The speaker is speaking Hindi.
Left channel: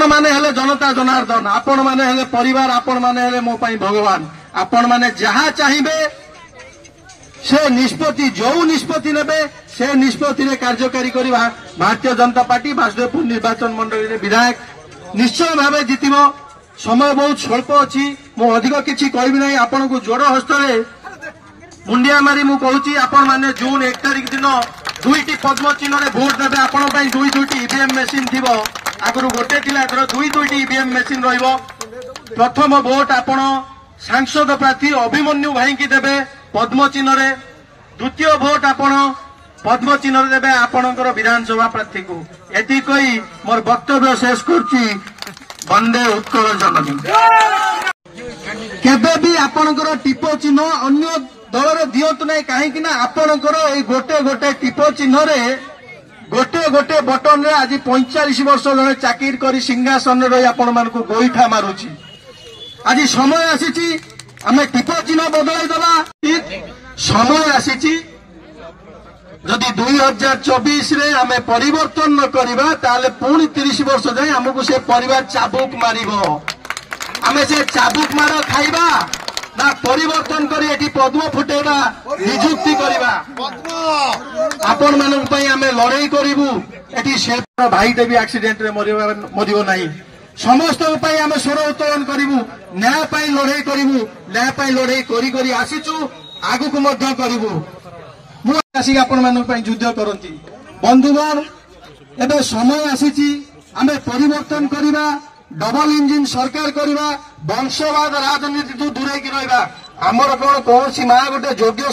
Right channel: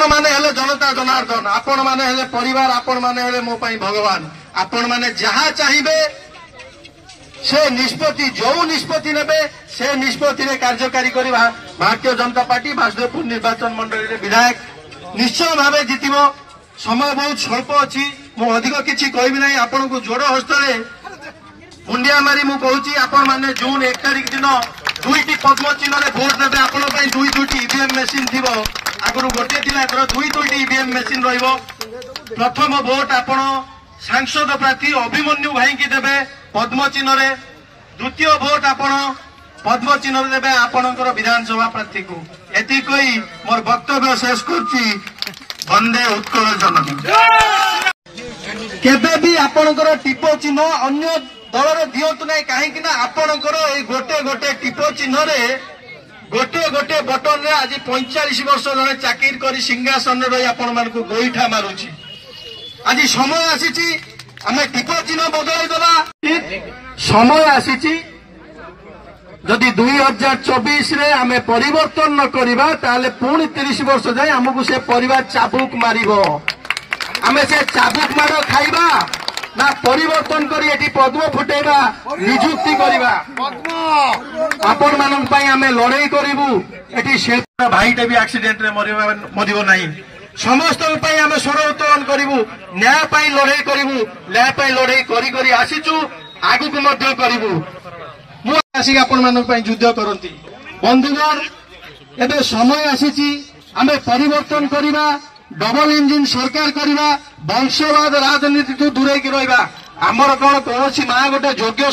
आपण माने हेले जनता जनार्दन, आपण माने हेले परिवार, आपण माने हेले मो पई भगवान। आपण माने जहाँ चाहिए से निष्पत्ति जो निष्पत्ति नेबे से निष्पत्ति रे कार्यकारी करी भारतीय जनता पार्टी बासुदेवपुर निर्वाचन मंडली विधायक निश्चय भाव जितिबो। समय बहुत स्वल्प अच्छी, मु अधिक किछि कहबी नहीं। आपण को जोड़ हस्त मुंडिया मारी मु कहूची, आपण माने जून 1 तारिख दिन 2टी पद्म चिन्ह रे भोट देबे। आपण पई 2टी ईवीएम मेसिन थिबो, आगु गोटे थिला, एथर 2टी ईवीएम मेसिन रहइबो। प्रथम भोट आपण सांसद प्रार्थी अभिमन्यु भाई की देबे पद्म चिन्ह रे, द्वितीय भोट आपण पद्म चिन्ह रे देबे आपणकर विधानसभा प्रार्थी को। एति कही मोर वक्तव्य शेष करछि। वंदे उत्कल जननी। केबे भी आपणकर टिप चिन्ह अन्य दलर दियंतु नहीं, कहीं आपणकर ए गोटे गोटे टिप चिन्ह रे गोटे गोटे बटन रे आज 45 वर्ष जने चाकिर करी सिंहासन रही आपण मान को गोईठा मारुछि। आज समय आसीछि आमे टिप चिन्ह बदलाई देबा। समय आसीछि जदि 2024 रे आमे परिवर्तन न करिबा ताले पुणी 30 वर्ष जाए हमको से परिवार चाबुक मारिबो। आमे से चाबुक मार खाइबा ना परिवर्तन करी एठी पद्म फुटेबा, नियुक्ति करिबा। आपण मानन पई आमे लड़ाई करिबु। एठी से भाईटे भी एक्सीडेंट रे मरिबो नाही। समस्त पई आमे स्वर उत्तोलन करिबु, न्याय पई लड़ाई करिबु। न्याय पई लड़ाई करी करी आसीचु, आगु को मध्य करिबु। मु आसी आपण मानन पई युद्ध करंती। बंधुगण एबे समय आसीची आमे परिवर्तन करिबा, डबल इंजिन सरकार करिबा, वंशवाद राजनीति तो दूरे की रहिबा। हमर कोन कोनसी मां गोटे योग्य